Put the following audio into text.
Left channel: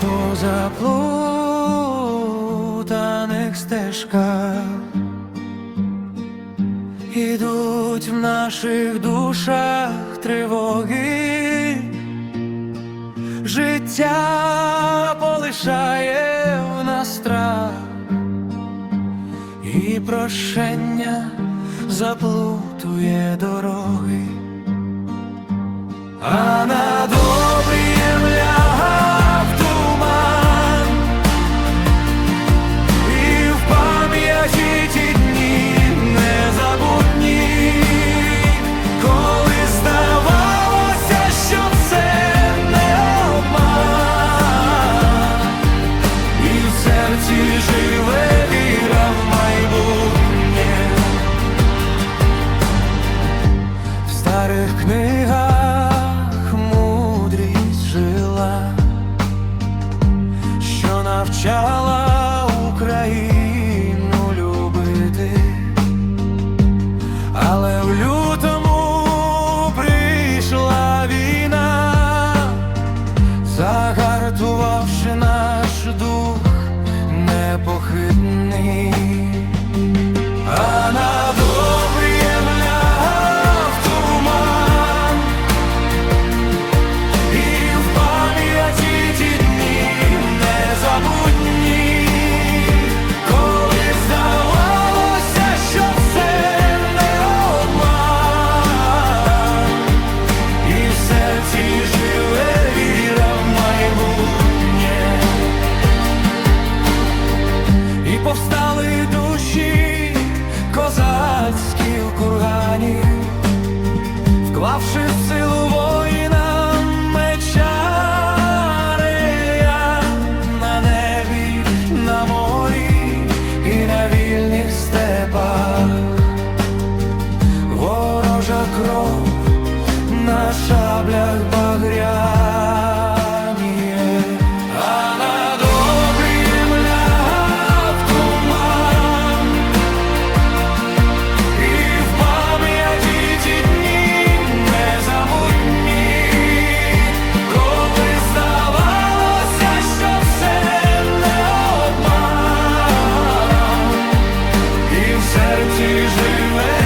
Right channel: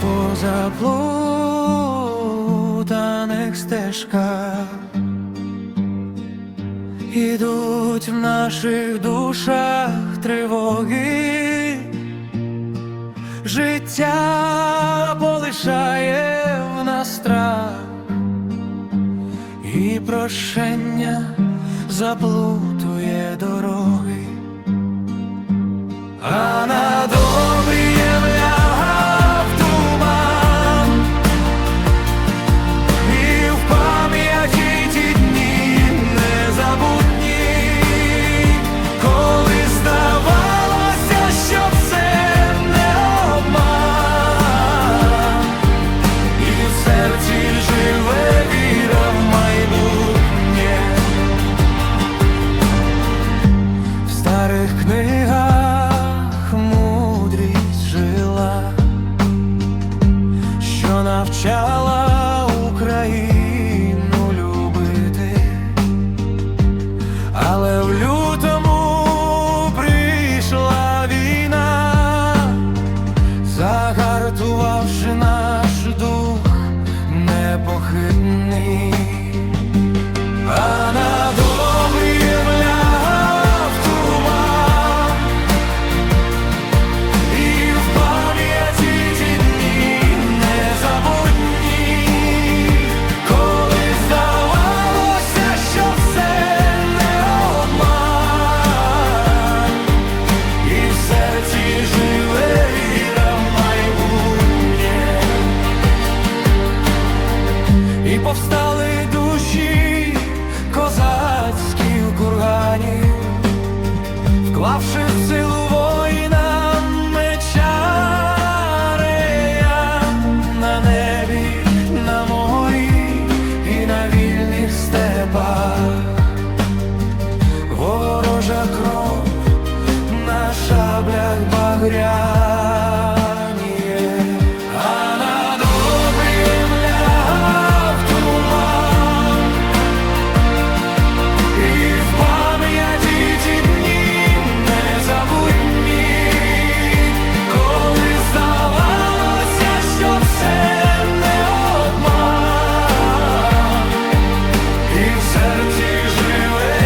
по заплутаних стежках. Ідуть в наших душах тривоги, життя полишає в нас страх, і прощення заплутує дороги. А над серці живе віра в майбутнє. В старих книгах мудрість жила, що навчала Україну любити, але в лютому прийшла війна, загартувавши наш дух непохитний. А над повстали душі козацькі в кургані, вклавши в силу воїна меча рея на небі, на морі і на вільних степах, ворожа кров на шаблях багряніє, світі живе.